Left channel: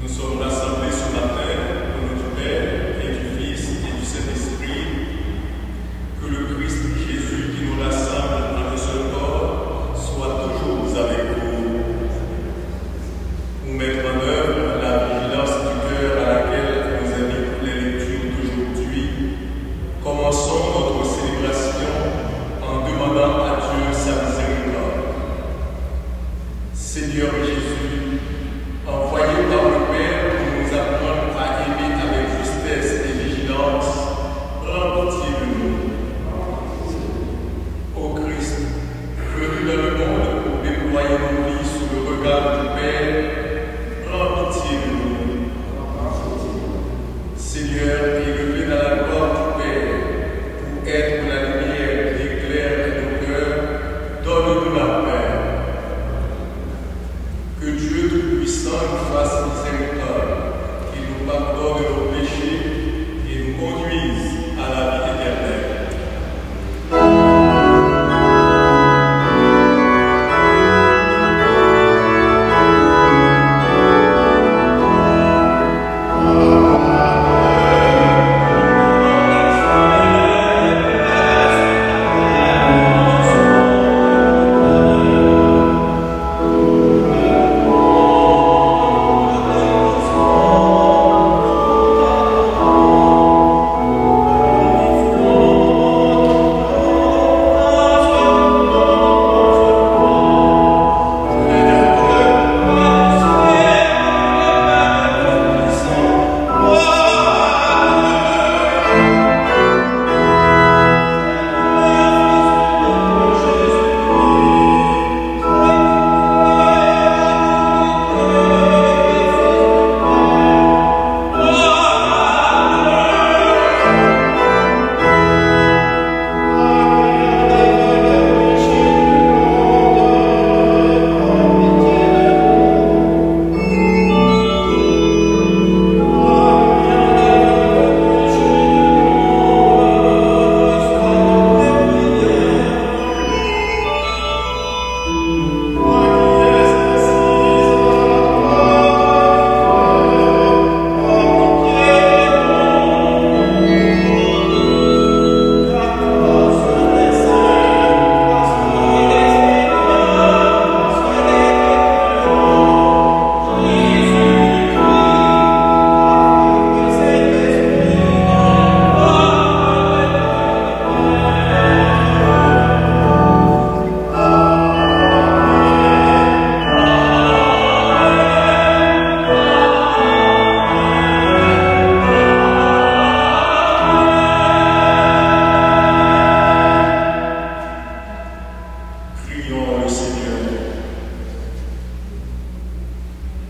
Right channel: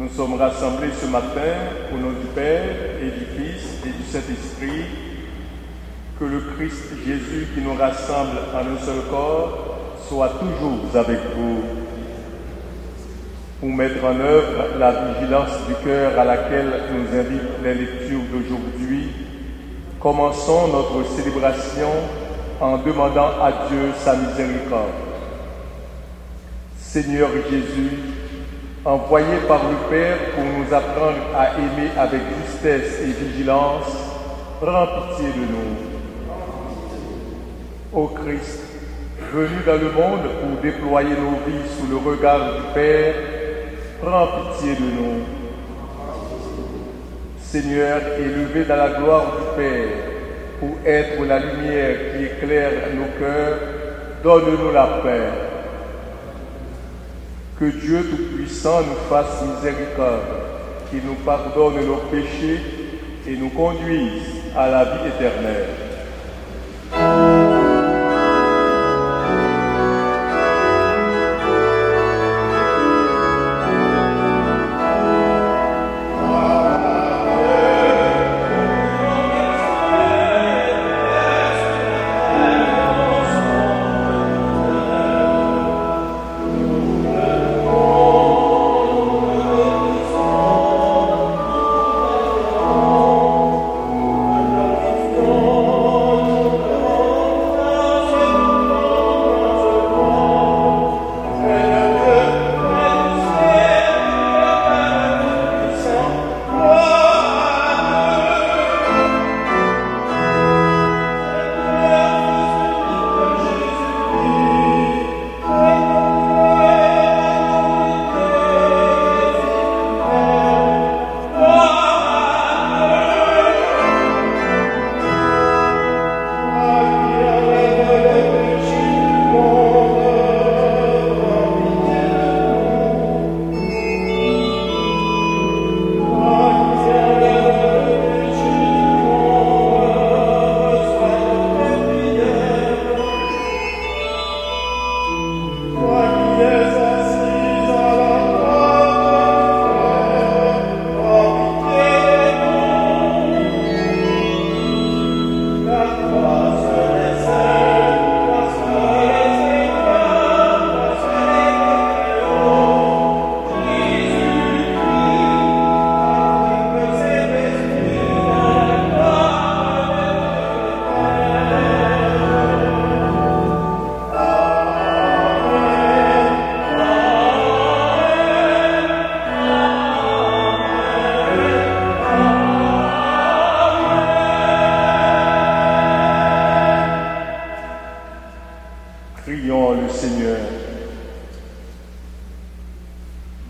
Nous sommes rassemblés ce matin au nom du Père et du Fils et du Saint-Esprit. Que le Christ Jésus qui nous rassemble en un seul corps soit toujours avec vous. Pour mettre en œuvre la vigilance du cœur à laquelle nous invitent les lectures d'aujourd'hui, commençons notre célébration en demandant à Dieu sa miséricorde. Seigneur Jésus, envoyé par le Père pour nous apprendre à aimer avec justesse et vigilance, prends pitié de nous. Ô Christ, venu dans le monde pour déployer nos vies sous le regard du Père, prends pitié de nous. Seigneur, élevé dans la gloire du Père, pour être la lumière qui éclaire nos cœurs, donne-nous la paix. Que Dieu Tout-Puissant nous fasse miséricorde, qu'il nous pardonne nos péchés et nous conduise à la vie éternelle.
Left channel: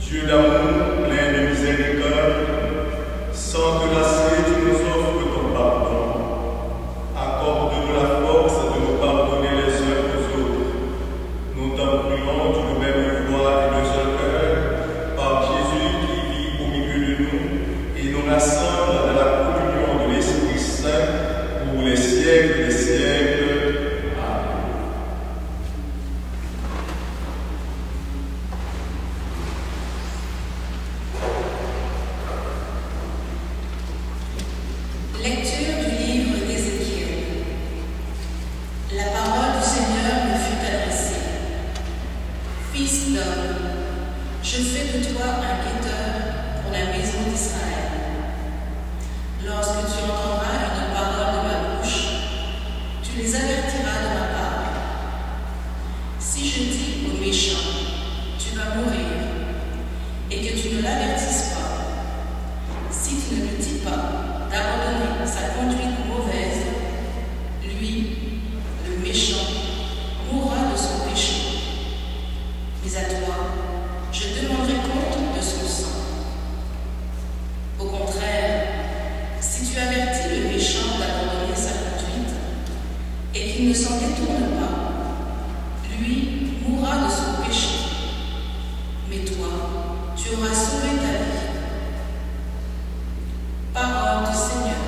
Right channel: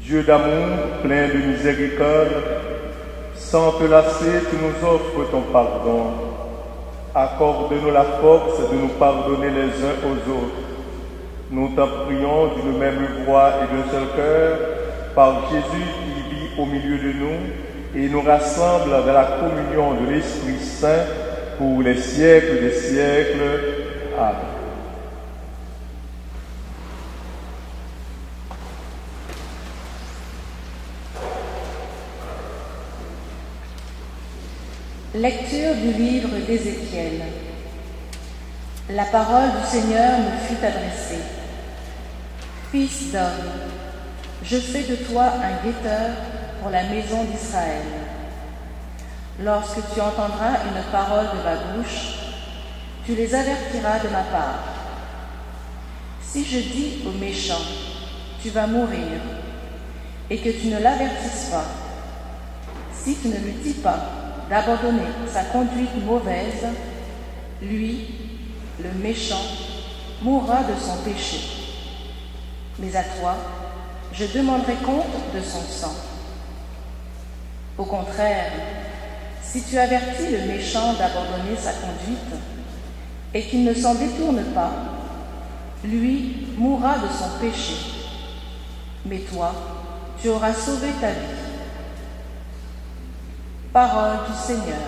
Dieu d'amour, plein de miséricorde, sans te lasser, tu nous offres ton pardon. Accorde-nous la force de nous pardonner les uns aux autres. Nous t'en prions d'une même voix et d'un seul cœur, par Jésus qui vit au milieu de nous et nous rassemble dans la communion de l'Esprit Saint pour les siècles des siècles. Amen. Lecture du livre d'Ézéchiel. La parole du Seigneur me fut adressée. Fils d'homme, je fais de toi un guetteur pour la maison d'Israël. Lorsque tu entendras une parole de ma bouche, tu les avertiras de ma part. Si je dis au méchant, tu vas mourir, et que tu ne l'avertisses pas, si tu ne lui dis pas d'abandonner sa conduite mauvaise, lui, le méchant, mourra de son péché. Mais à toi, je demanderai compte de son sang. Au contraire, si tu avertis le méchant d'abandonner sa conduite et qu'il ne s'en détourne pas, lui mourra de son péché. Mais toi, tu auras sauvé ta vie. Parole du Seigneur.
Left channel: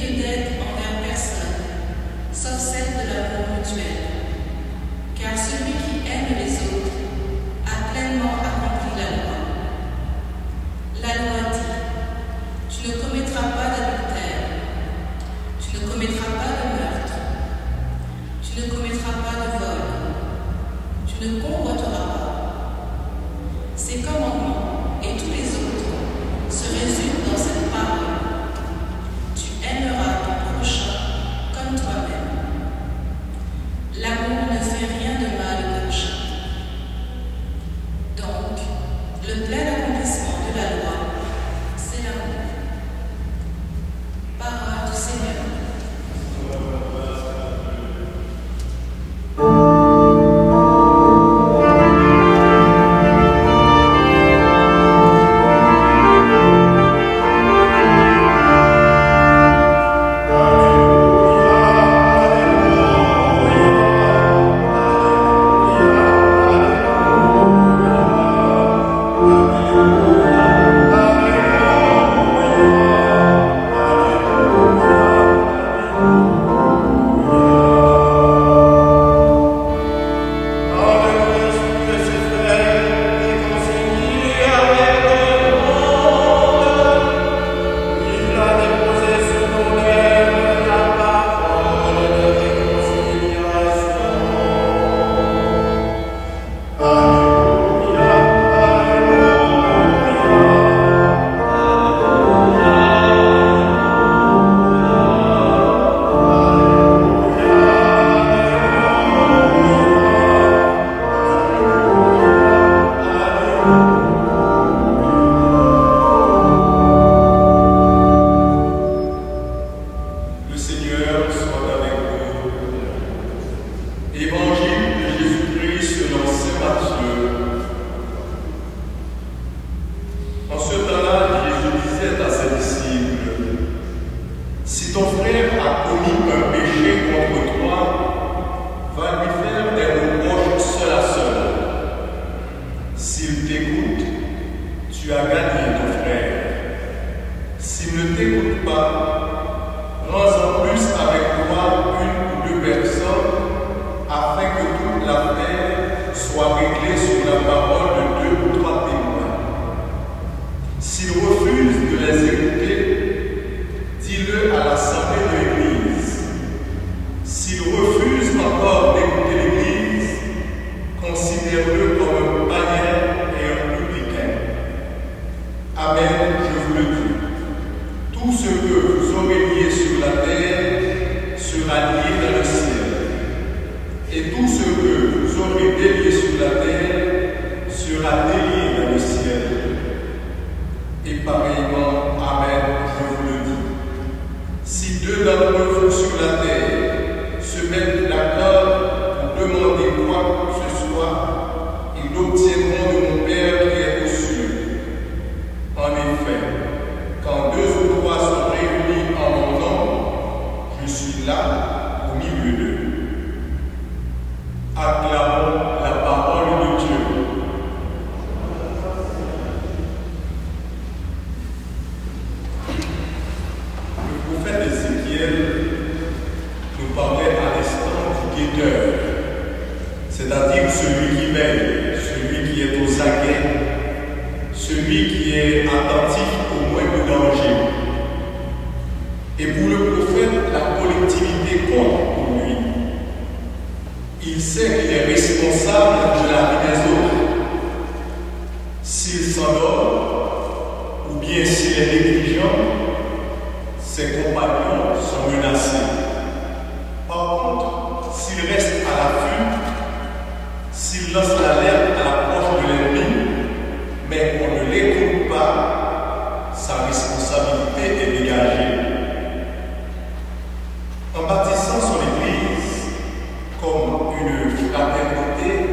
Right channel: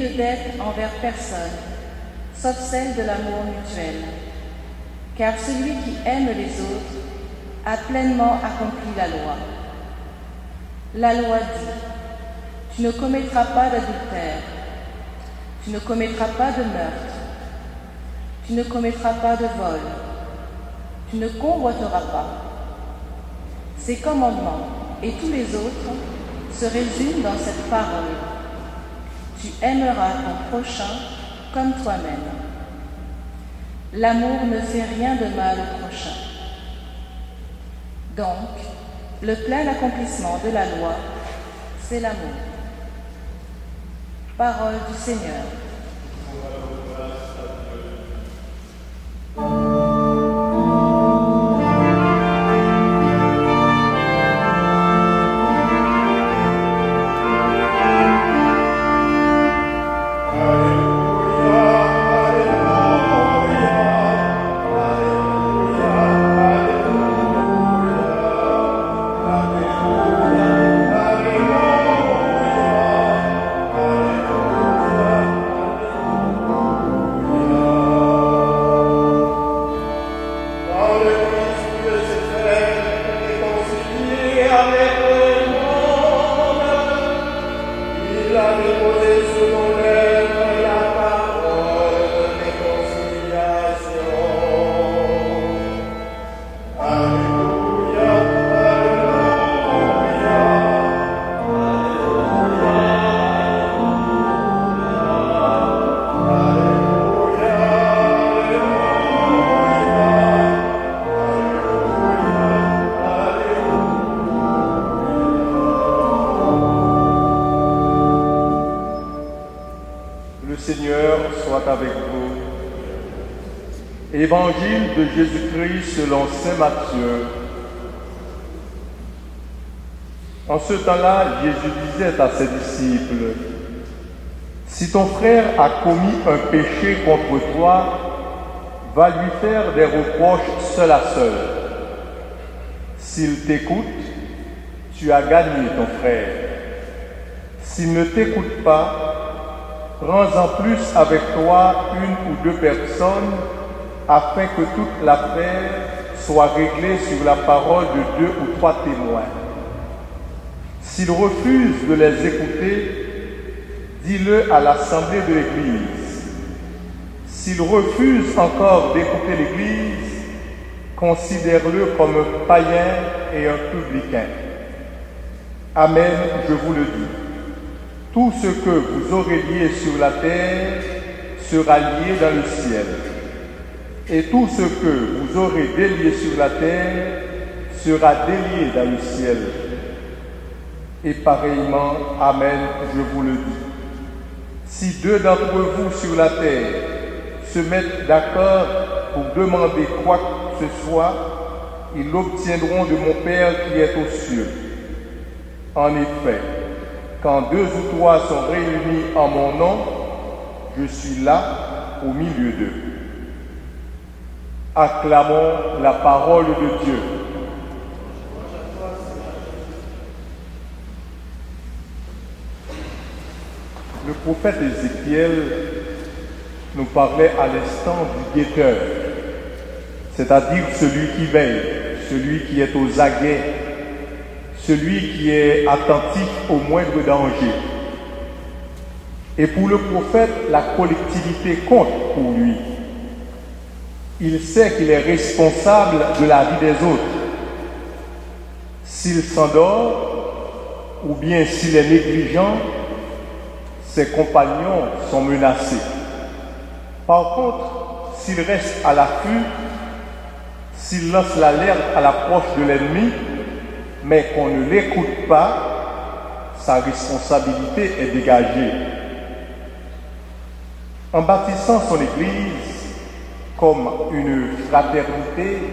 de dette envers personne, sauf celle de l'amour mutuel. Car celui qui aime les autres a pleinement accompli la loi. La loi dit: tu ne commettras pas d'adultère, tu ne commettras pas de meurtre, tu ne commettras pas de vol, tu ne convoiteras pas. Ces commandements et tous les autres se résument dans cette parole: tu aimeras ton prochain comme toi-même. L'amour ne fait rien de mal au prochain. Donc, le plein accomplissement de la loi, c'est l'amour. Parole du Seigneur. Évangile de Jésus-Christ selon saint Matthieu. En ce temps-là, Jésus disait à ses disciples: si ton frère a commis un péché contre toi, va lui faire des reproches seul à seul. S'il t'écoute, tu as gagné ton frère. S'il ne t'écoute pas, prends-en plus avec toi une ou deux personnes, afin que toute l'affaire soit réglée sur la parole de 2 ou 3 témoins. S'il refuse de les écouter, dis-le à l'assemblée de l'Église. S'il refuse encore d'écouter l'Église, considère-le comme un païen et un publicain. Amen, je vous le dis. Tout ce que vous aurez lié sur la terre sera lié dans le ciel. Et tout ce que vous aurez délié sur la terre sera délié dans le ciel. Et pareillement, Amen, je vous le dis. Si 2 d'entre vous sur la terre se mettent d'accord pour demander quoi que ce soit, ils l'obtiendront de mon Père qui est aux cieux. En effet, quand 2 ou 3 sont réunis en mon nom, je suis là au milieu d'eux. Acclamons la parole de Dieu. Le prophète Ézéchiel nous parlait à l'instant du guetteur, c'est-à-dire celui qui veille, celui qui est aux aguets, celui qui est attentif au moindre danger. Et pour le prophète, la collectivité compte pour lui. Il sait qu'il est responsable de la vie des autres. S'il s'endort ou bien s'il est négligent, ses compagnons sont menacés. Par contre, s'il reste à l'affût, s'il lance l'alerte à l'approche de l'ennemi, mais qu'on ne l'écoute pas, sa responsabilité est dégagée. En bâtissant son Église comme une fraternité,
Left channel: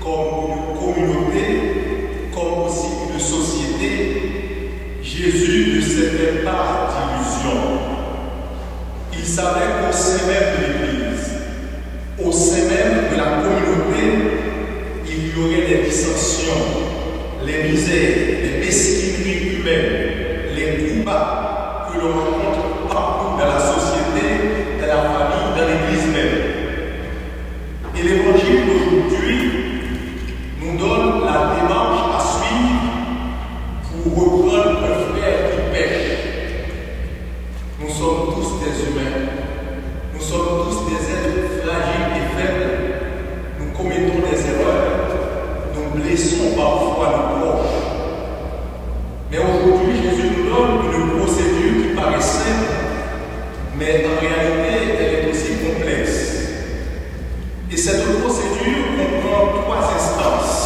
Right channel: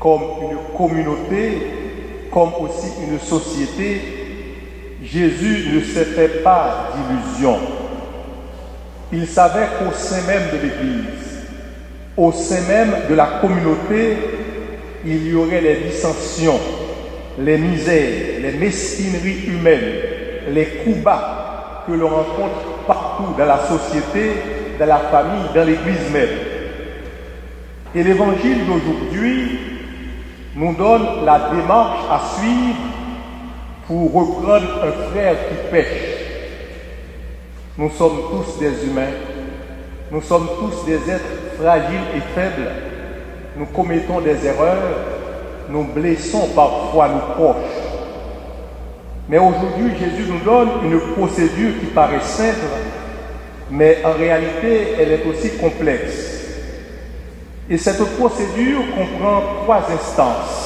comme une communauté, comme aussi une société, Jésus ne s'est fait pas d'illusions. Il savait qu'au sein même de l'Église, au sein même de la communauté, il y aurait les dissensions, les misères, les mesquineries humaines, les coups bas, que l'on rencontre partout dans la société, dans la famille, dans l'Église même. Et l'Évangile d'aujourd'hui nous donne la démarche à suivre pour reprendre un frère qui pêche. Nous sommes tous des humains, nous sommes tous des êtres fragiles et faibles, nous commettons des erreurs, nous blessons parfois nos proches. Mais aujourd'hui, Jésus nous donne une procédure qui paraît simple, mais en réalité, elle est aussi complexe. Et cette procédure comprend 3 instances.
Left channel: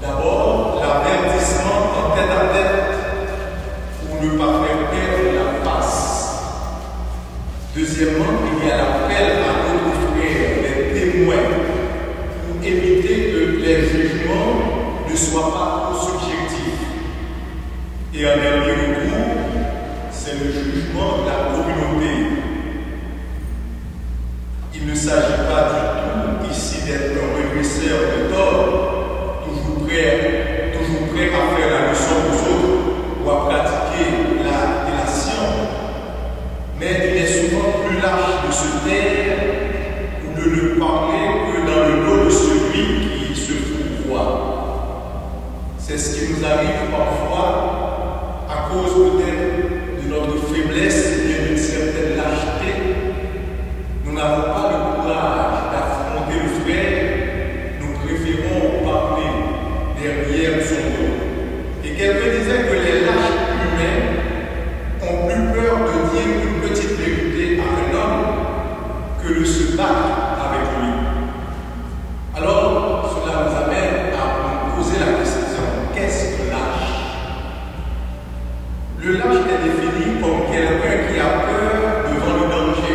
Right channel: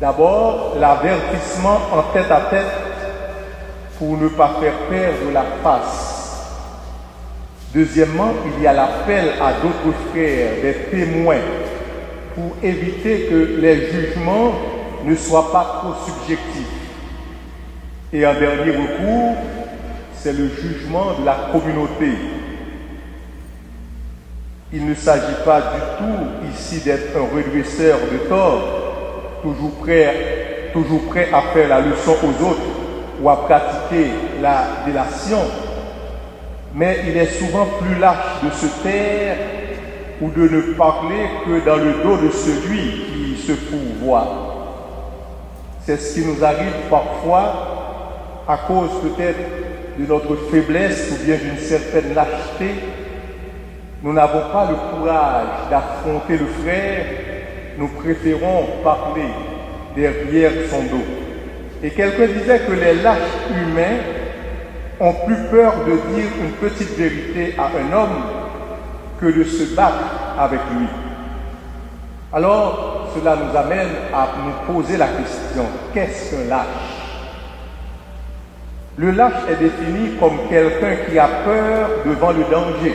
D'abord, l'avertissement en tête-à-tête pour ne pas faire perdre la face. Deuxièmement, il y a l'appel à d'autres frères, des témoins, pour éviter que les jugements ne soient pas trop subjectifs. Et en dernier recours, c'est le jugement de la communauté. Il ne s'agit pas du tout ici d'être un redresseur de tort, toujours prêt à faire la leçon aux autres ou à pratiquer la délation. Mais il est souvent plus lâche de se taire ou de ne parler que dans le dos de celui qui se fourvoie. C'est ce qui nous arrive parfois à cause peut-être de notre faiblesse ou bien d'une certaine lâcheté. Nous n'avons pas le courage d'affronter le frère, nous préférons parler derrière son dos. Et quelqu'un disait que les lâches humains ont plus peur de dire une petite vérité à un homme que de se battre avec lui. Alors, cela nous amène à nous poser la question, qu'est-ce qu'un lâche? Le lâche est défini comme quelqu'un qui a peur devant le danger,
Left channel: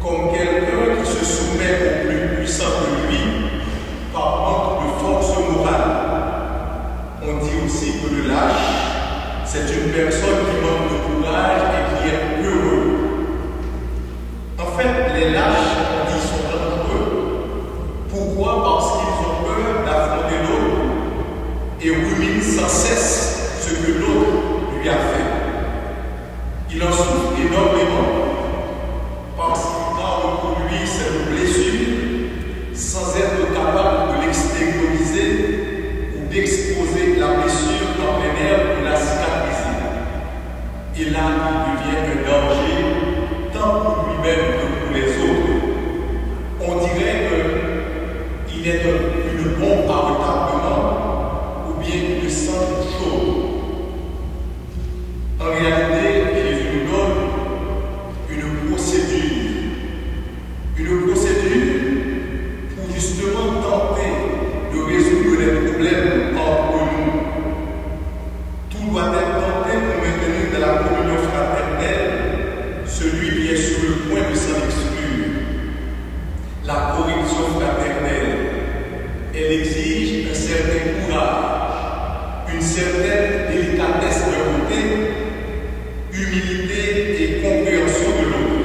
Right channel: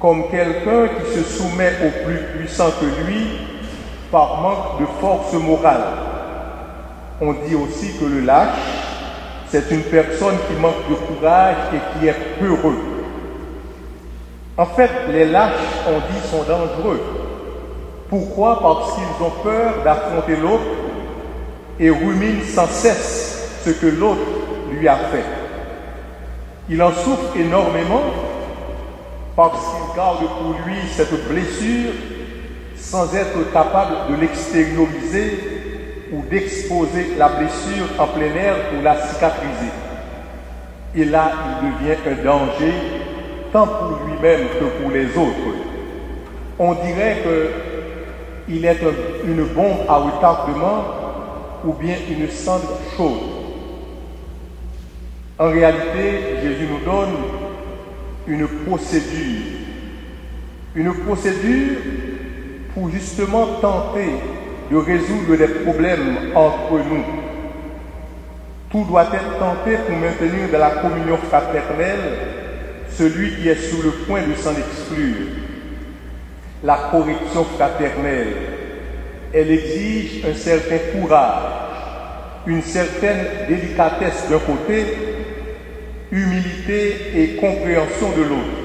comme quelqu'un qui se soumet au plus puissant que lui par manque de force morale. On dit aussi que le lâche, c'est une personne qui manque de courage et qui est peureux. En fait, les lâches, on dit, sont dangereux. Pourquoi? Parce qu'ils ont peur d'affronter l'autre et ruminent sans cesse ce que l'autre lui a fait. Il en souffre énormément parce qu'il garde pour lui cette blessure sans être capable de l'extérioriser ou d'exposer la blessure en plein air ou la cicatriser. Et là, il devient un danger tant pour lui-même que pour les autres. On dirait qu'il est une bombe à retardement ou bien une cendre chaude. En réalité, Jésus nous donne une procédure pour justement tenter de résoudre les problèmes entre nous. Tout doit être tenté pour maintenir dans la communion fraternelle celui qui est sur le point de s'en exclure. La correction fraternelle, elle exige un certain courage, une certaine délicatesse d'un côté, humilité et compréhension de l'autre.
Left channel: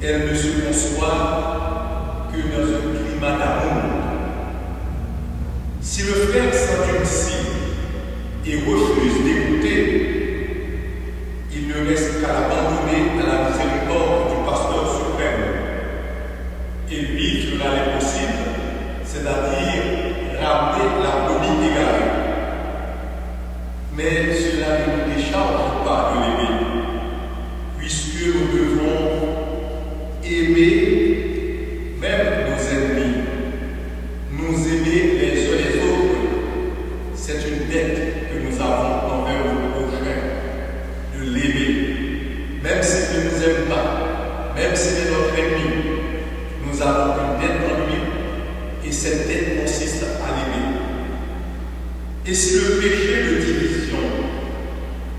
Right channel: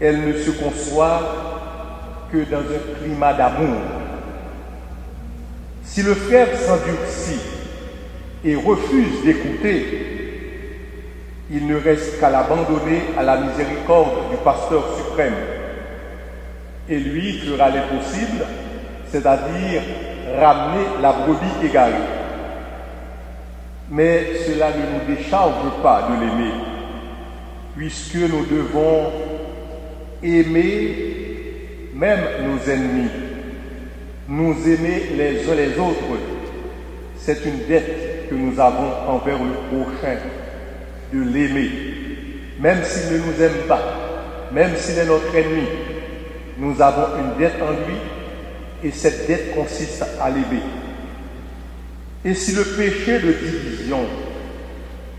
Elle ne se conçoit que dans un climat d'amour. Si le frère s'endurcit et refuse d'écouter, il ne reste qu'à l'abandonner à la miséricorde du pasteur suprême. Et lui fera l'impossible, c'est-à-dire ramener la brebis égarée. Mais cela ne nous décharge pas de l'aimer, puisque nous devons aimer même nos ennemis, nous aimer les uns les autres. C'est une dette que nous avons envers le prochain, de l'aimer. Même s'il ne nous aime pas, même s'il est notre ennemi, nous avons une dette en lui, et cette dette consiste à l'aimer. Et si le péché de division,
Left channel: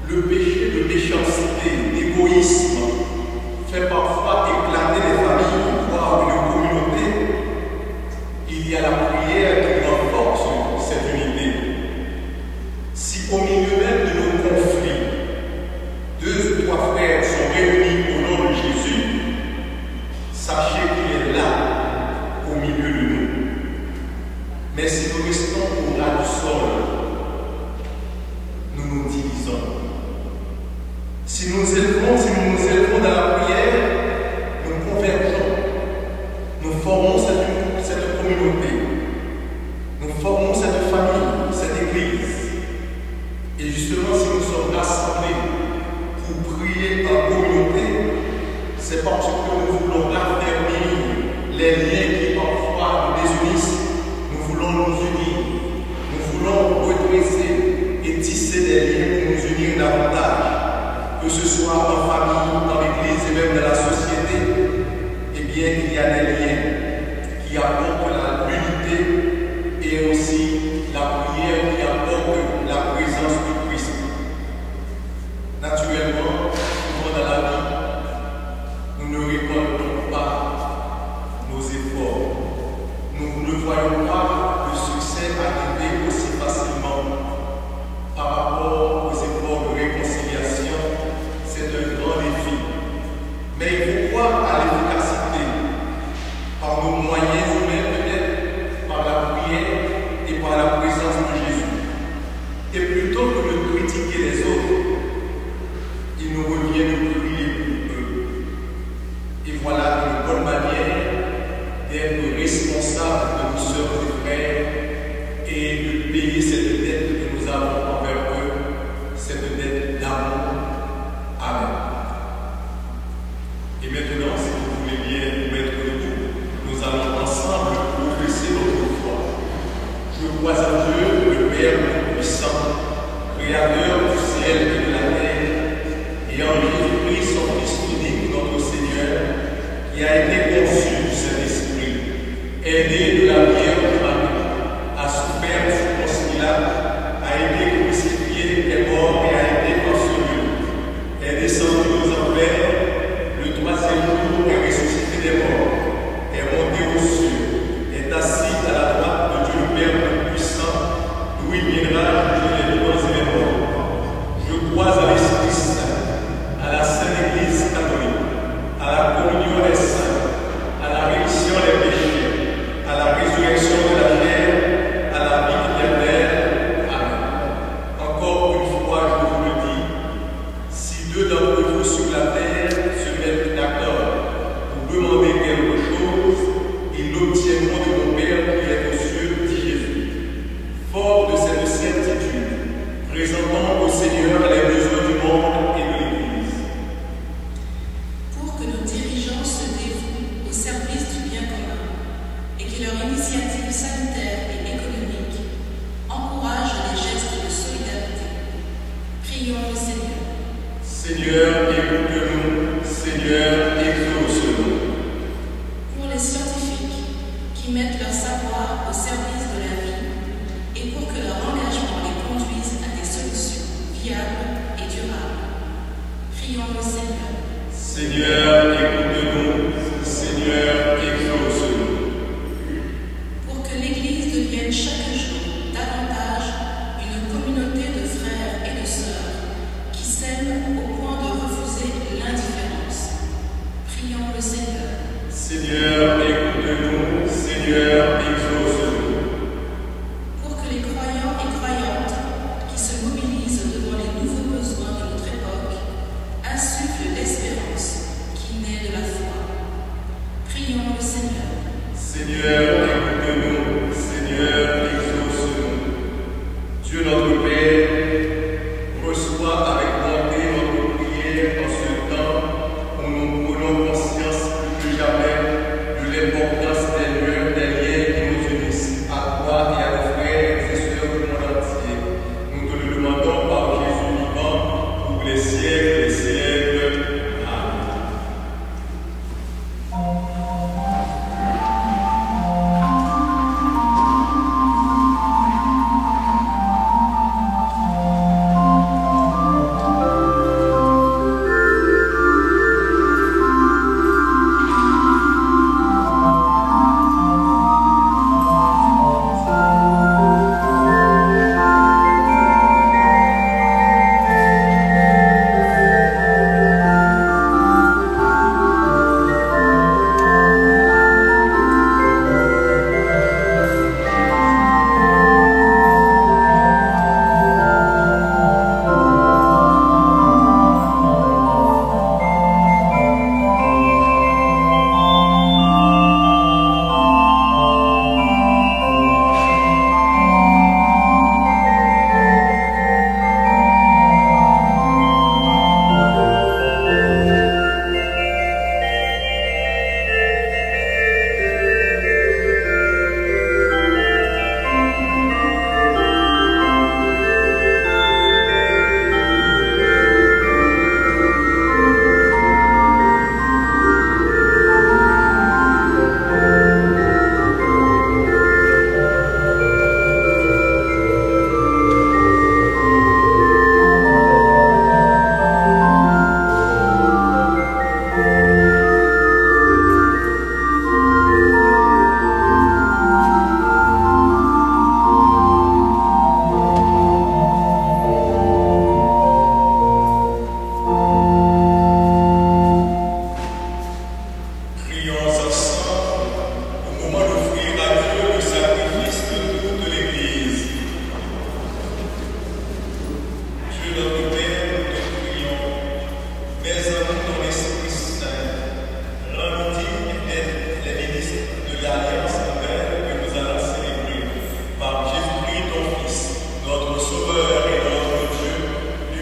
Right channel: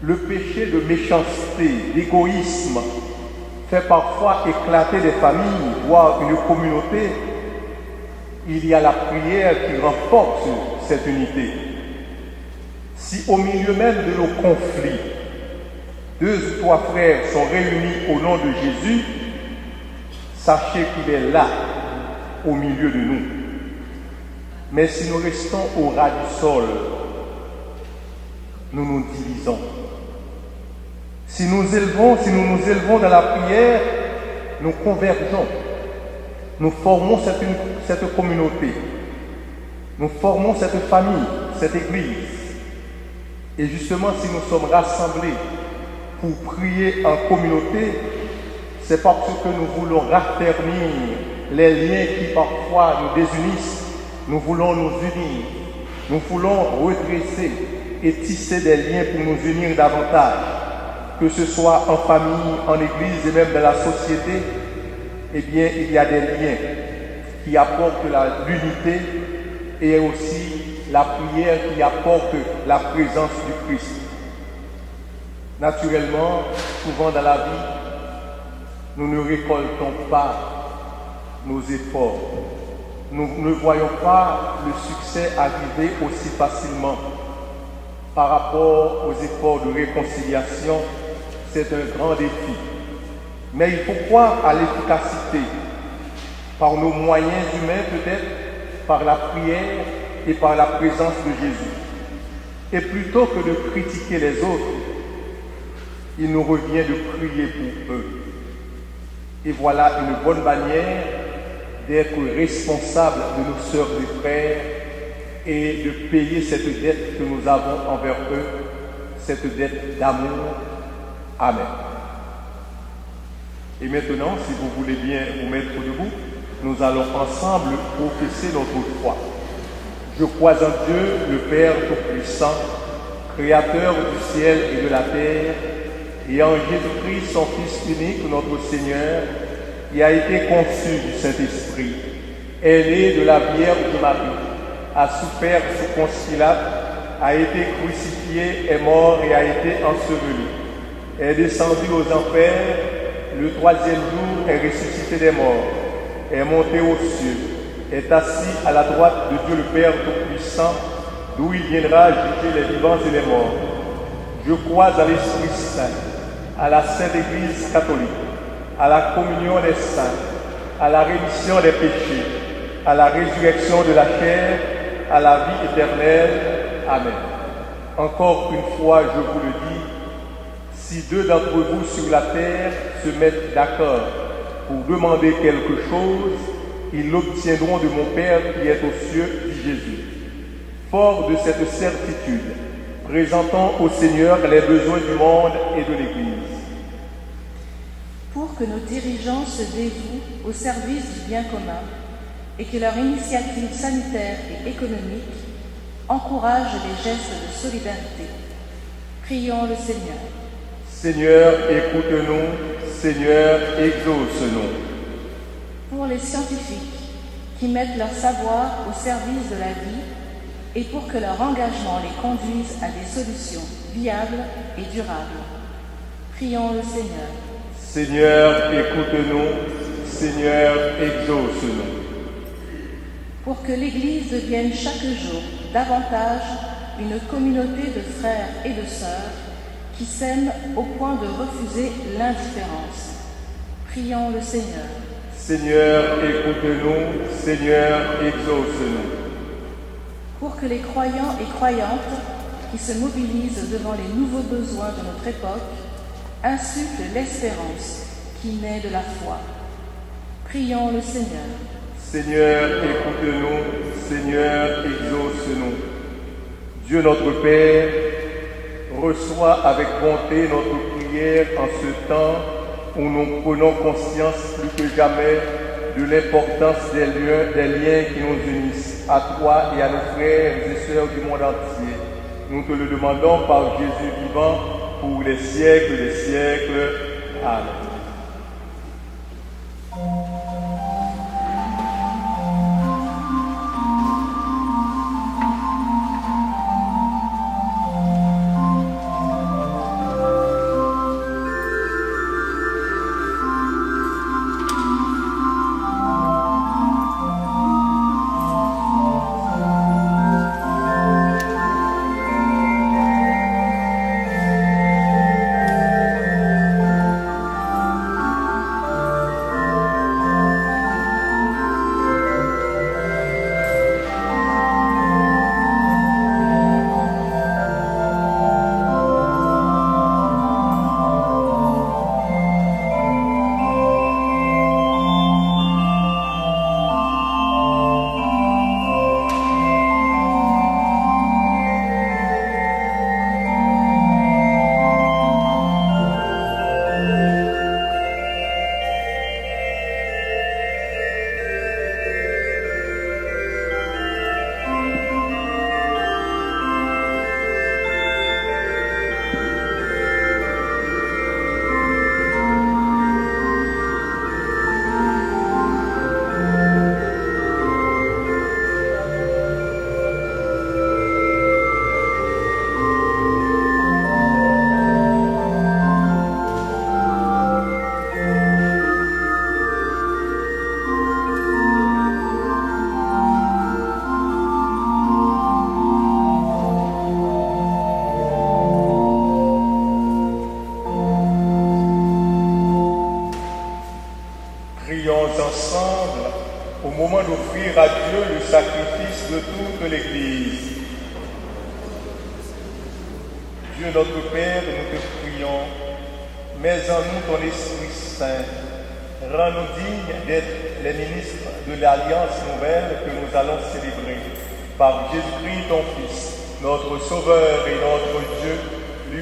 le péché de méchanceté, d'égoïsme, fait parfois éclater des familles, voire une communauté, il y a la prière qui renforce cette unité. Si au milieu même de nos conflits, 2 ou 3 frères sont réunis au nom de Jésus, sachez qu'il est là, au milieu de nous. Mais si nous restons au ras du sol, nous nous divisons. Si nous nous élevons dans la prière, nous convergeons, nous formons cette communauté, nous formons cette famille, cette église. Et justement, si nous sommes rassemblés pour prier en communauté, c'est parce que nous voulons raffermir les liens qui parfois nous désunissent. Nous voulons nous unir, nous voulons redresser et tisser des liens pour nous unir davantage. Que ce soit en famille, en église et même dans la société, eh bien, il y a des liens qui apportent l'unité et aussi la prière qui apporte la présence du Christ. Naturellement, souvent dans la vie, nous ne récoltons pas nos efforts. Nous ne voyons pas le succès arriver aussi facilement. Par rapport aux efforts de réconciliation, c'est un grand défi. Mais il faut croire à l'efficacité, par nos moyens humains peut-être, par la prière et par la présence de Jésus. Et plutôt que de critiquer les autres, il nous revient de prier pour eux. Et voilà une bonne manière d'être responsable de nos sœurs et frères et de payer cette dette que nous avons envers eux, cette dette d'amour. Amen. Et maintenant, si vous voulez bien vous mettre debout, nous allons ensemble professer notre foi. Je crois en Dieu, le Père Tout-Puissant, Créateur du ciel et de la terre, et en Jésus-Christ, son Fils unique, notre Seigneur, qui a été conçu du Saint-Esprit, est né de la Vierge Marie, a souffert sous Ponce Pilate, a été crucifié, est mort et a été enseveli, est descendu aux enfers, le troisième jour est ressuscité des morts, est monté aux cieux, est assis à la droite de Dieu le Père Tout-Puissant, d'où il viendra juger les vivants et les morts. Je crois à l'Esprit Saint, à la Sainte Église catholique, à la communion des saints, à la rémission des péchés, à la résurrection de la chair, à la vie éternelle. Amen. Encore une fois, je vous le dis, si deux d'entre vous sur la terre se mettent d'accord pour demander quelque chose, ils l'obtiendront de mon Père qui est aux cieux, dit Jésus. Fort de cette certitude, présentons au Seigneur les besoins du monde et de l'Église. Pour que nos dirigeants se dévouent au service du bien commun et que leur initiative sanitaire et économique encourage les gestes de solidarité. Prions le Seigneur. Seigneur, écoute-nous. Seigneur, exauce-nous. Pour les scientifiques qui mettent leur savoir au service de la vie et pour que leur engagement les conduise à des solutions viables et durables. Prions le Seigneur. Seigneur, écoute-nous. Seigneur, exauce-nous. Pour que l'Église devienne chaque jour davantage une communauté de frères et de sœurs qui s'aiment au point de refuser l'indifférence. Prions le Seigneur. Seigneur, écoute-nous. Seigneur, exauce-nous. Pour que les croyants et croyantes qui se mobilisent devant les nouveaux besoins de notre époque insufflent l'espérance qui naît de la foi. Prions le Seigneur. Seigneur, écoute-nous. Seigneur, exauce-nous. Dieu notre Père, reçois avec bonté notre prière en ce temps où nous prenons conscience plus que jamais de l'importance des liens qui nous unissent à toi et à nos frères et sœurs du monde entier. Nous te le demandons par Jésus vivant pour les siècles des siècles. Amen. en nous ton Esprit Saint. Rends-nous dignes d'être les ministres de l'Alliance nouvelle que nous allons célébrer. Par Jésus-Christ, ton Fils, notre Sauveur et notre Dieu,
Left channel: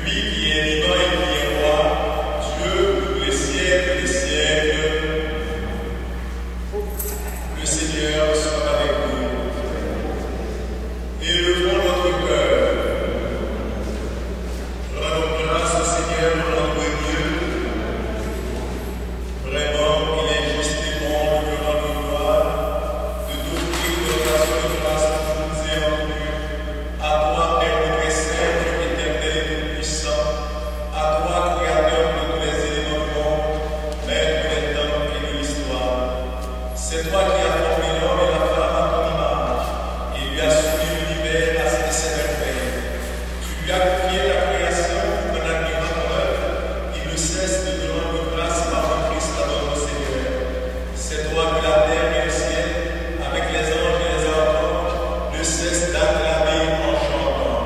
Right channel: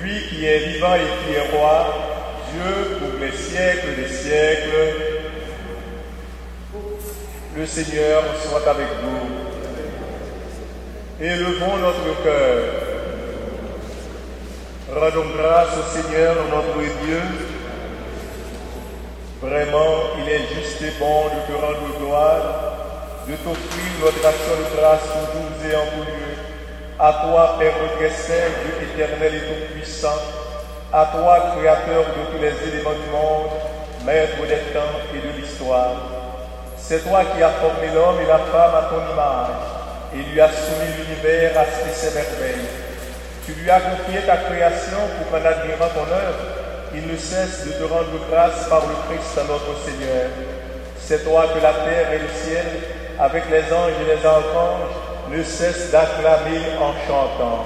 lui qui est vivant et qui est roi, Dieu pour les siècles des siècles. Le Seigneur soit avec vous. Élevons notre cœur. Rendons grâce au Seigneur notre Dieu. Vraiment, il est juste et bon de te rendre gloire, de t'offrir notre action de grâce pour nous et en nous. À toi, Père notre Saint, Dieu éternel et tout-puissant, à toi, Créateur de tous les éléments du monde, Maître des temps et de l'histoire. C'est toi qui as formé l'homme et la femme à ton image, et lui as soumis l'univers à ses merveilles. Tu lui as confié ta création pour qu'en admirant ton œuvre, il ne cesse de te rendre grâce par le Christ notre Seigneur. C'est toi que la terre et le ciel, avec les anges et les archanges, ne cessent d'acclamer en chantant.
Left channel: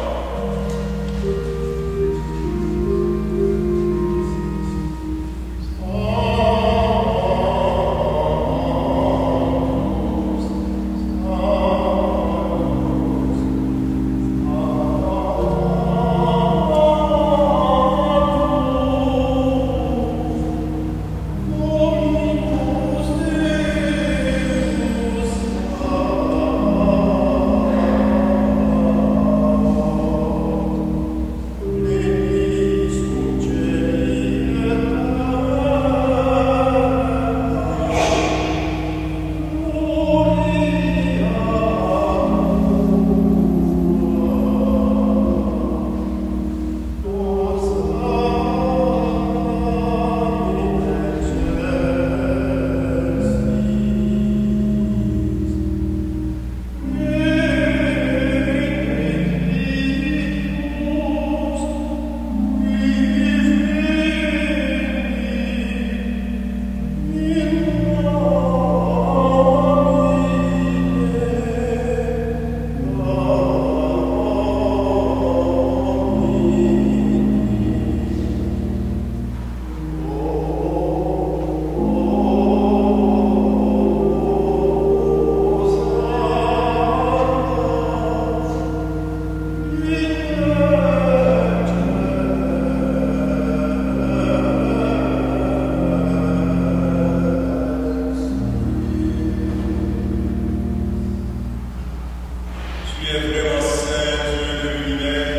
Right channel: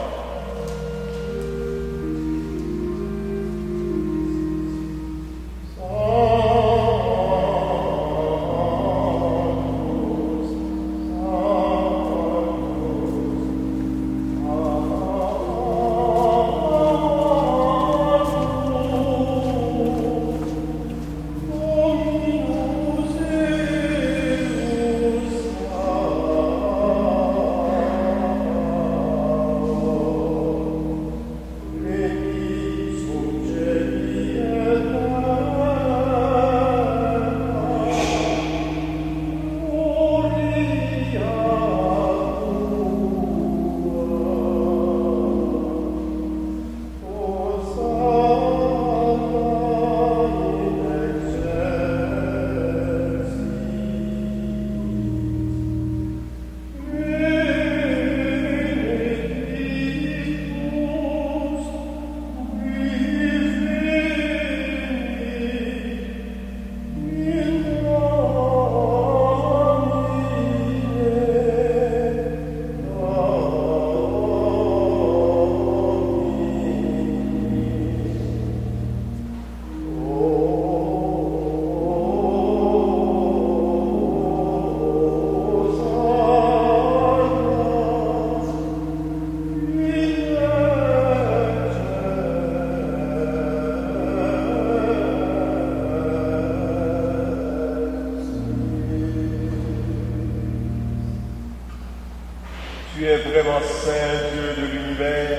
Tu es vraiment Saint, Dieu de l'univers,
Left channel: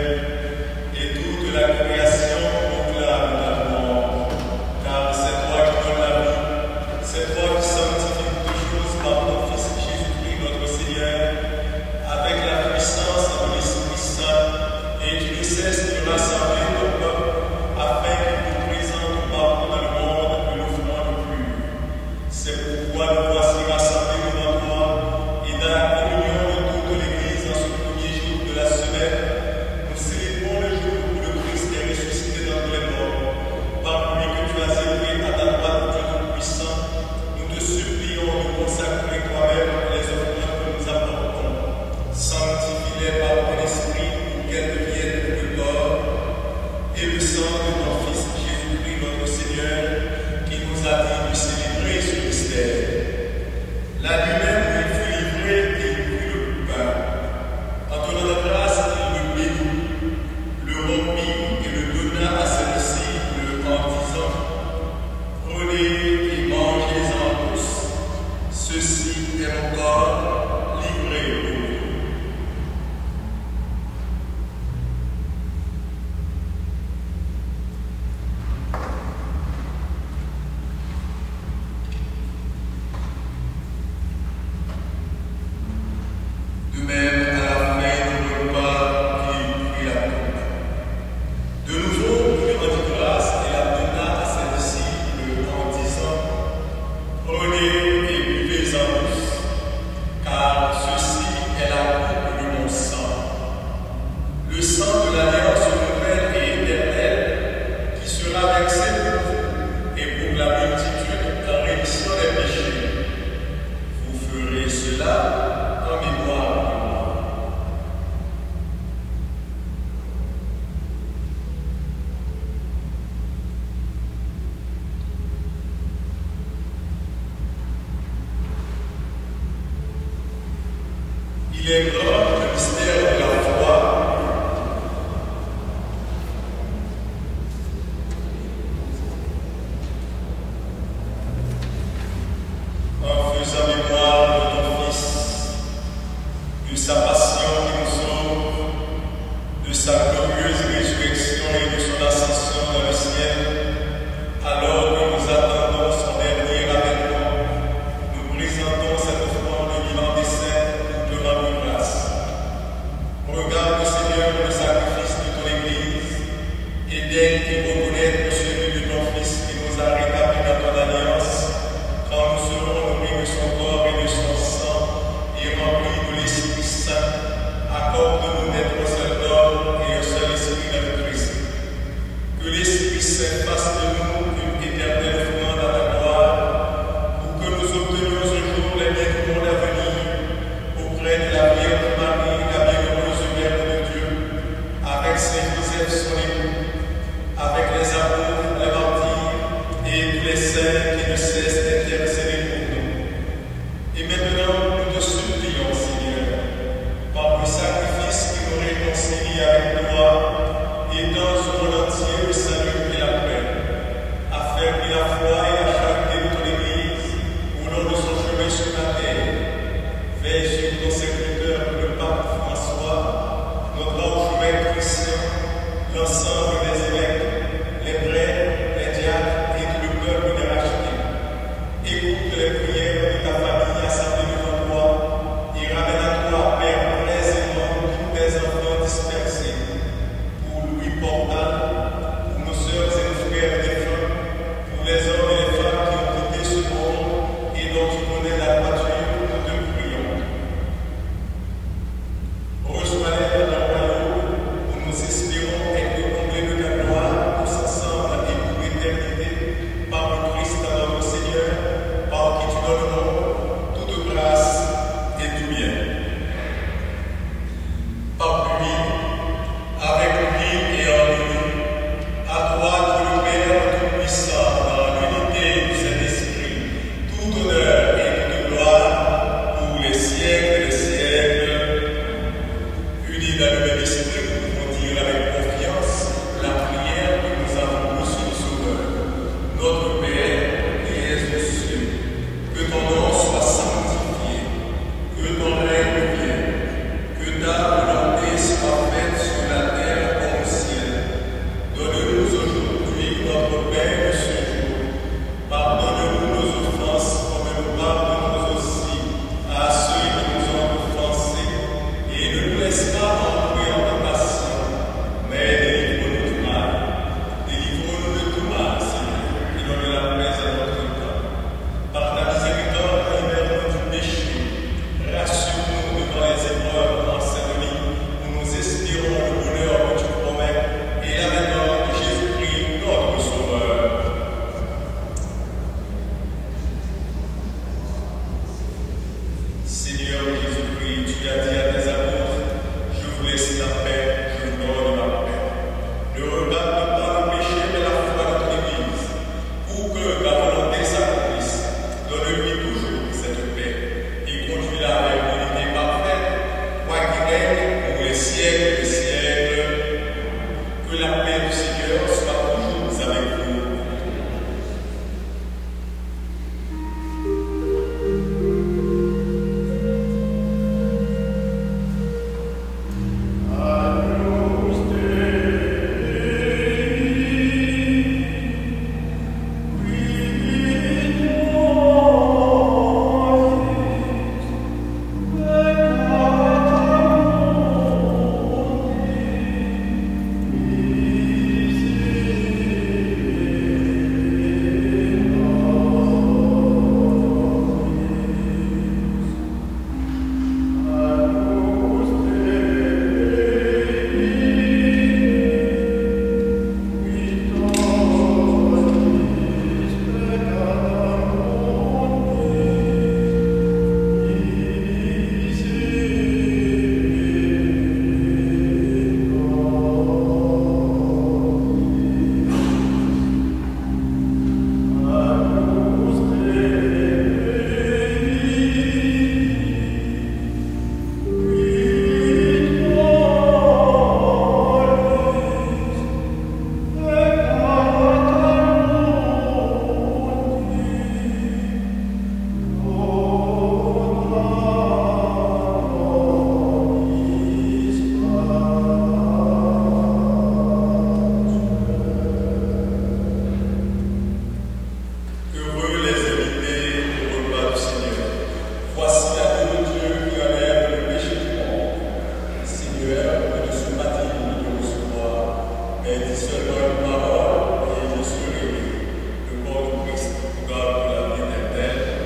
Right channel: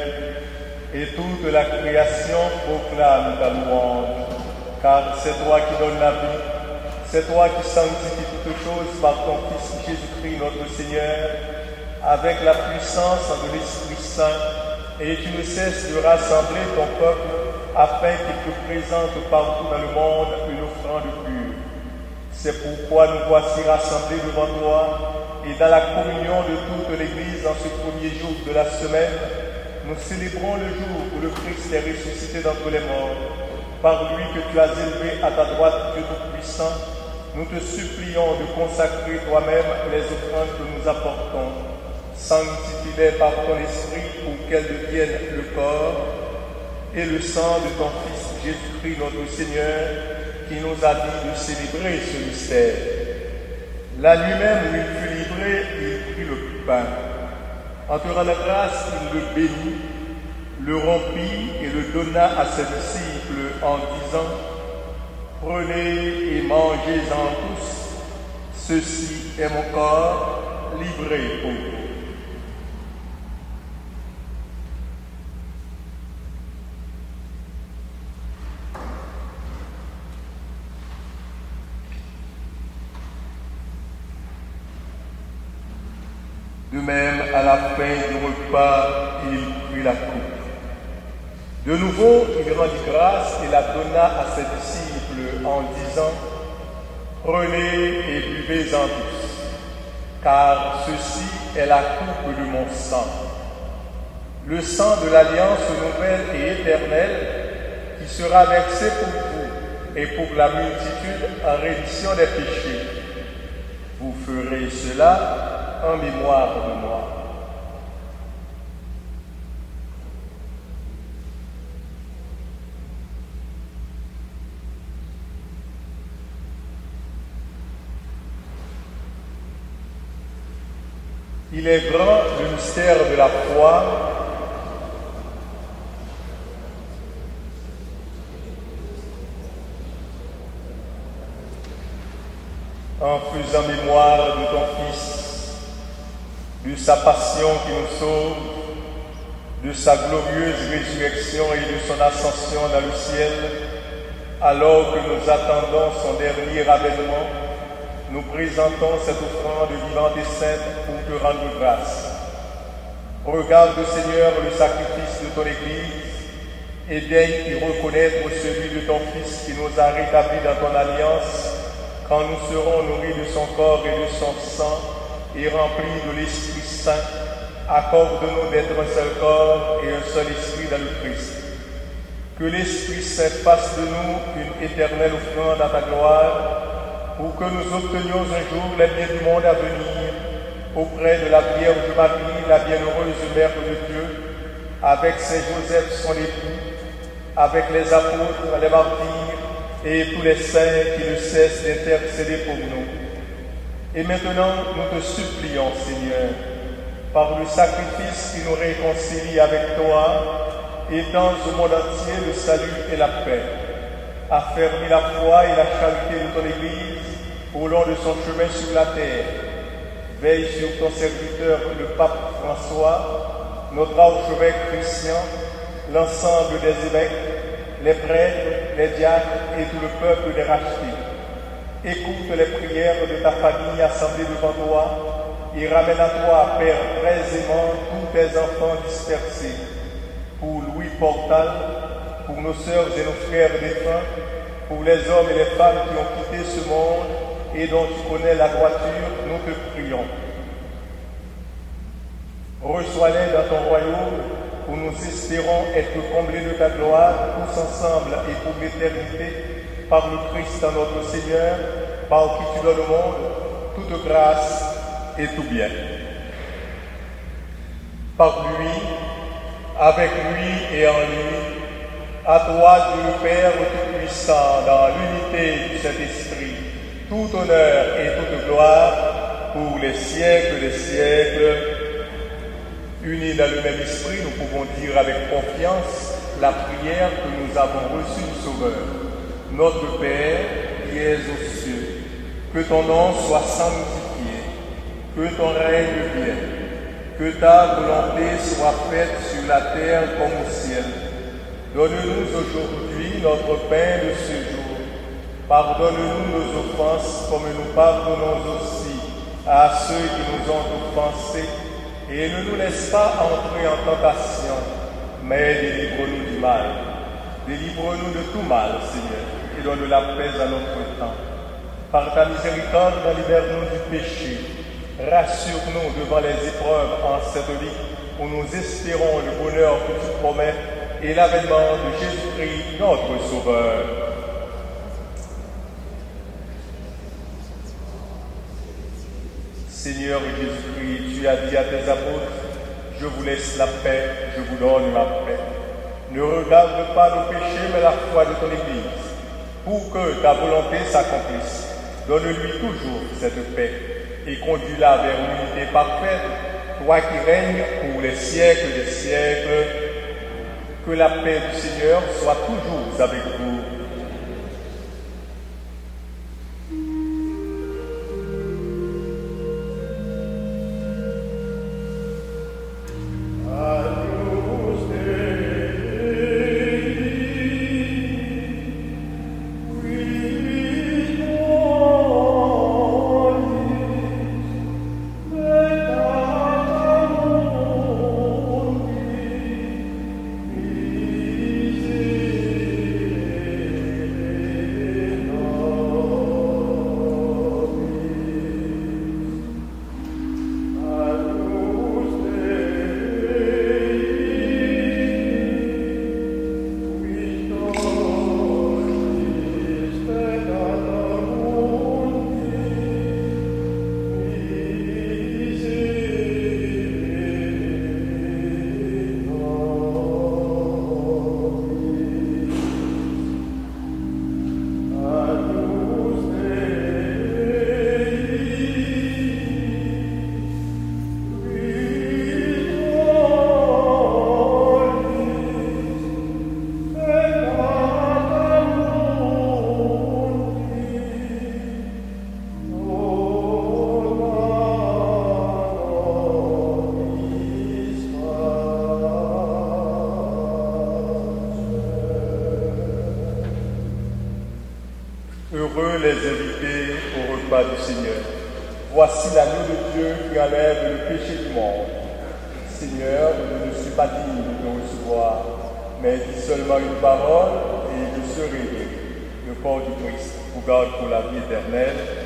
et toute la création proclame ta louange, car c'est toi qui donnes la vie, c'est toi qui sanctifies toutes choses par ton Fils Jésus-Christ notre Seigneur, avec la puissance de l'Esprit Saint, et tu ne cesses de rassembler ton peuple afin qu'il te présente partout dans le monde une offrande pure. C'est pourquoi nous voici rassemblés devant toi et dans la communion de toute l'Église en ce premier jour de la semaine, nous célébrons le jour où le Christ est ressuscité d'entre les morts. Par lui que tu as élevé à ta droite, Dieu Tout-Puissant, nous te supplions de consacrer toi-même les offrandes que nous apportons. Sanctifie-les par ton esprit pour qu'elles deviennent le corps et le sang de ton Fils Jésus-Christ notre Seigneur, qui nous a dit de célébrer ce mystère. La nuit même où il fut livré, il prit le pain. En te rendant grâce, il le bénit, le rompit et le donna à ses disciples en disant: Prenez et mangez-en tous, ceci est mon corps livré pour vous. De même, à la fin du repas, il prit la coupe. De nouveau, il rendit grâce et la donna à ses disciples en disant: Prenez et buvez-en tous, car ceci est la coupe de mon sang, le sang de l'alliance nouvelle et éternelle, qui sera versé pour vous et pour la multitude en rémission des péchés. Vous ferez cela en mémoire de moi. Il est grand le mystère de la foi. En faisant mémoire de ton Fils, de sa passion qui nous sauve, de sa glorieuse résurrection et de son ascension dans le ciel, alors que nous attendons son dernier avènement, nous présentons cette offrande vivante et sainte pour te rendre grâce. Regarde, Seigneur, le sacrifice de ton Église et daigne y reconnaître celui de ton Fils qui nous a rétablis dans ton alliance, quand nous serons nourris de son corps et de son sang et remplis de l'Esprit Saint. Accorde-nous d'être un seul corps et un seul esprit dans le Christ. Que l'Esprit Saint fasse de nous une éternelle offrande à ta gloire, pour que nous obtenions un jour la vie du monde à venir, auprès de la Vierge Marie, la bienheureuse Mère de Dieu, avec Saint Joseph son époux, avec les apôtres, les martyrs et tous les saints qui ne cessent d'intercéder pour nous. Et maintenant, nous te supplions, Seigneur, par le sacrifice qui nous réconcilie avec toi, étends au monde entier le salut et la paix. Affermis la foi et la charité de ton Église au long de son chemin sur la terre. Veille sur ton serviteur, le pape François, notre archevêque Christian, l'ensemble des évêques, les prêtres, les diacres et tout le peuple des rachetés. Écoute les prières de ta famille assemblée devant toi et ramène à toi, Père, très aimant, tous tes enfants dispersés. Pour Louis Portal, pour nos sœurs et nos frères défunts, pour les hommes et les femmes qui ont quitté ce monde et dont tu connais la droiture, nous te prions. Reçois-les dans ton royaume, où nous espérons être comblés de ta gloire, tous ensemble et pour l'éternité, par le Christ notre Seigneur, par qui tu donnes au monde toute grâce et tout bien. Par lui, avec lui et en lui, à toi, Dieu le Père Tout-Puissant, dans l'unité du Saint-Esprit, tout honneur et toute gloire pour les siècles des siècles. Unis dans le même esprit, nous pouvons dire avec confiance la prière que nous avons reçue du Sauveur. Notre Père, qui es aux cieux, que ton nom soit sanctifié, que ton règne vienne, que ta volonté soit faite sur la terre comme au ciel. Donne-nous aujourd'hui notre pain de ce jour. Pardonne-nous nos offenses comme nous pardonnons aussi à ceux qui nous ont offensés. Et ne nous laisse pas entrer en tentation, mais délivre-nous du mal. Délivre-nous de tout mal, Seigneur, et donne la paix à notre temps. Par ta miséricorde, libère-nous du péché. Rassure-nous devant les épreuves en cette vie, où nous espérons le bonheur que tu promets et l'avènement de Jésus-Christ, notre Sauveur. Seigneur Jésus-Christ, tu as dit à tes apôtres, je vous laisse la paix, je vous donne la paix. Ne regarde pas nos péchés, mais la foi de ton Église, pour que ta volonté s'accomplisse. Donne-lui toujours cette paix et conduis-la vers l'unité parfaite, toi qui règnes pour les siècles des siècles. Que la paix du Seigneur soit toujours avec vous. Heureux les invités au repas du Seigneur. Voici l'agneau de Dieu qui enlève le péché du monde. Seigneur, je ne suis pas digne de recevoir, mais dis seulement une parole et je serai le corps du Christ pour garder la vie éternelle.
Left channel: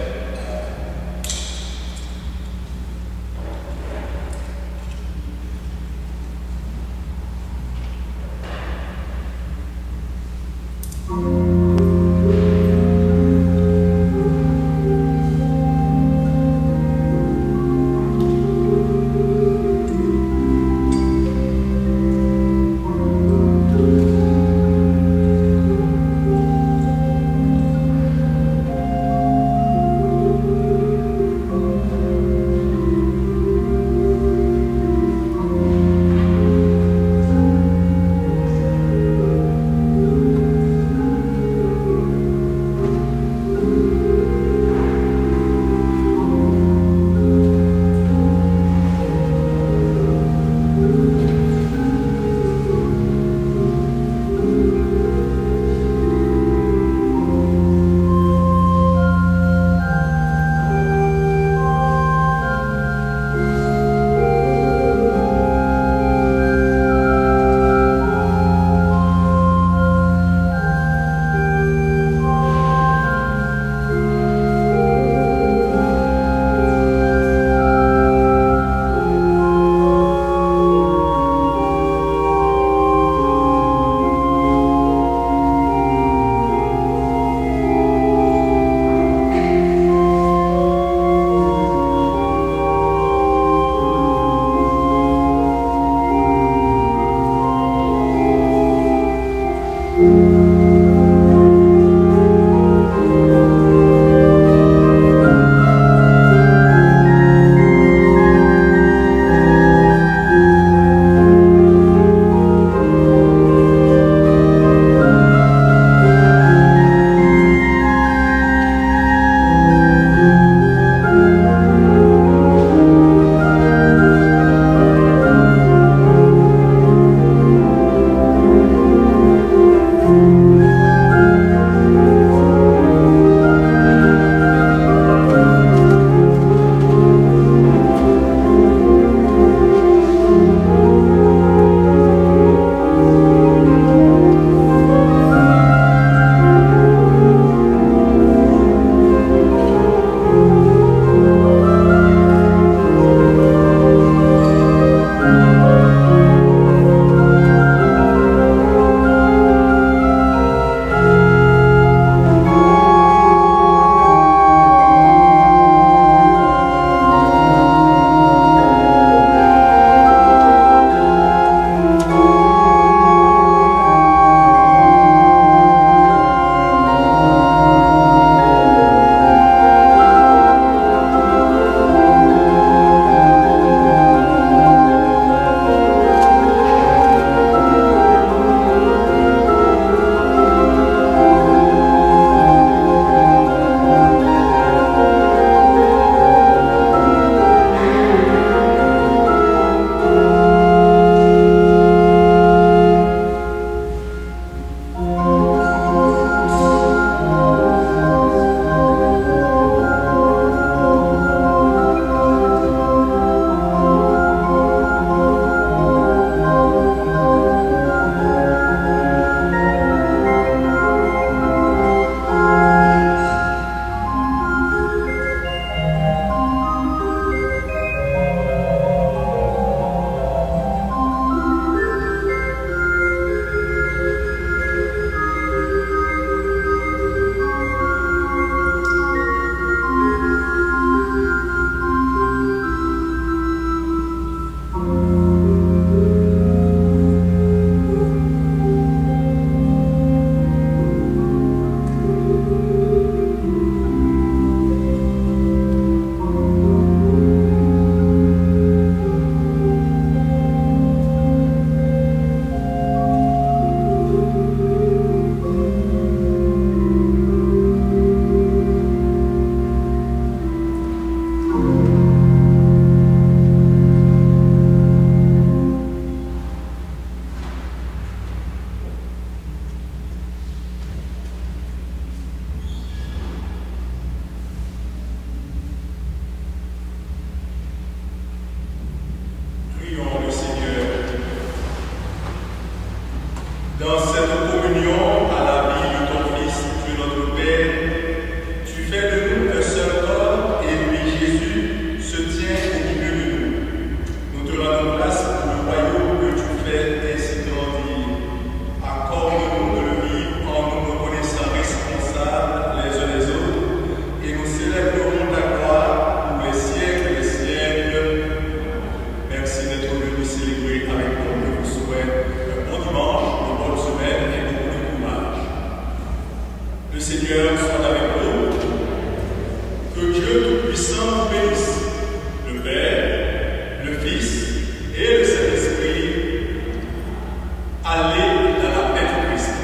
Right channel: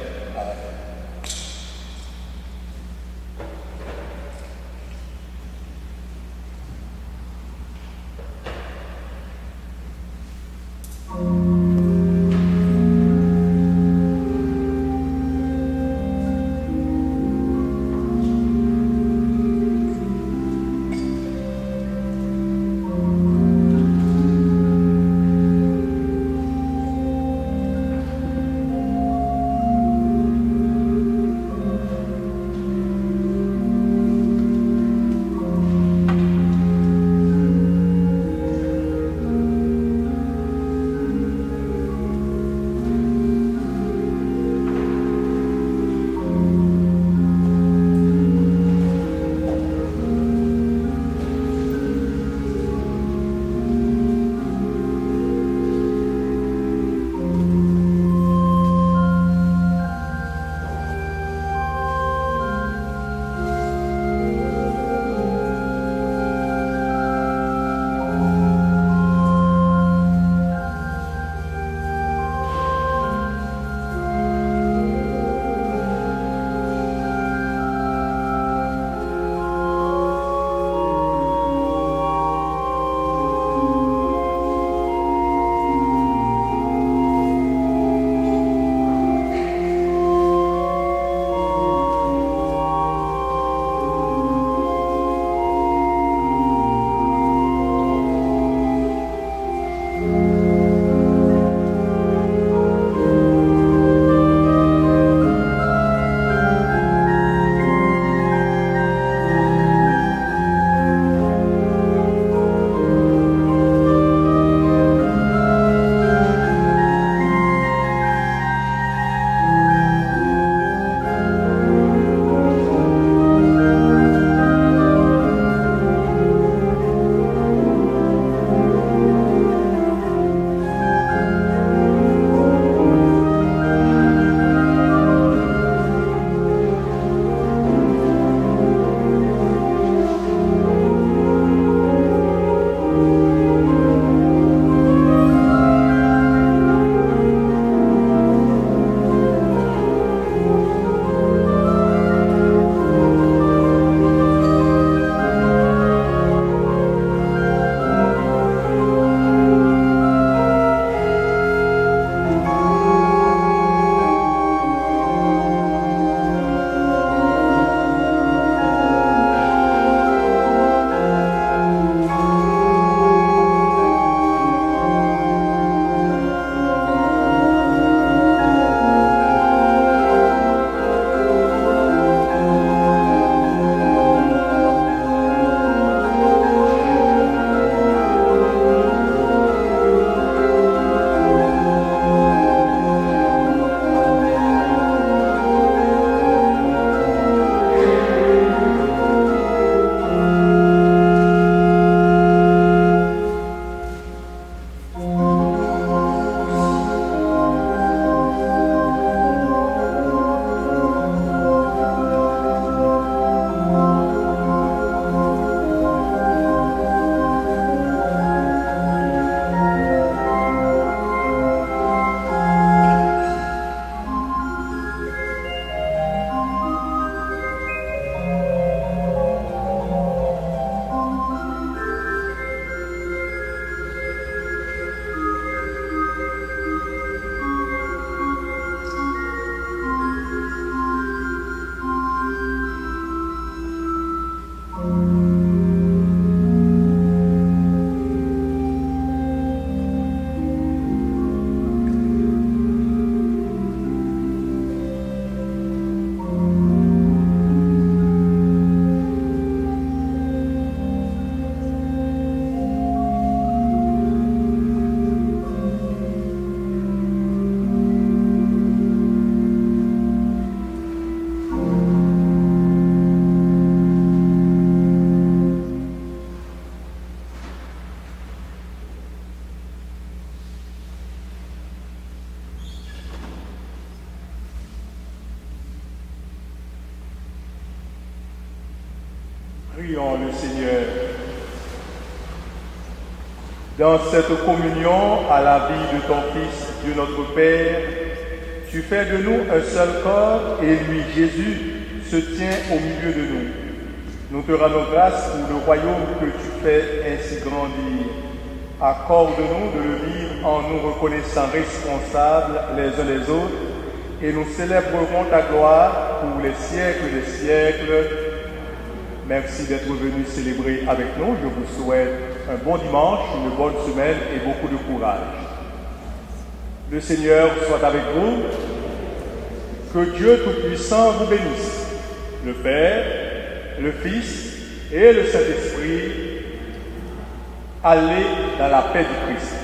Dans cette communion à la vie de ton Fils, Dieu notre Père, tu fais de nous un seul corps et lui, Jésus, se tient au milieu de nous. Nous te rendons grâce pour le royaume que tu fais ainsi grandir. Accorde-nous de le vivre en nous reconnaissant responsables les uns les autres et nous célébrerons ta gloire pour les siècles des siècles. Merci d'être venu célébrer avec nous. Je vous souhaite un bon dimanche, une bonne semaine et beaucoup de courage. Le Seigneur soit avec vous. Que Dieu Tout-Puissant vous bénisse, le Père, le Fils et le Saint-Esprit. Allez dans la paix du Christ.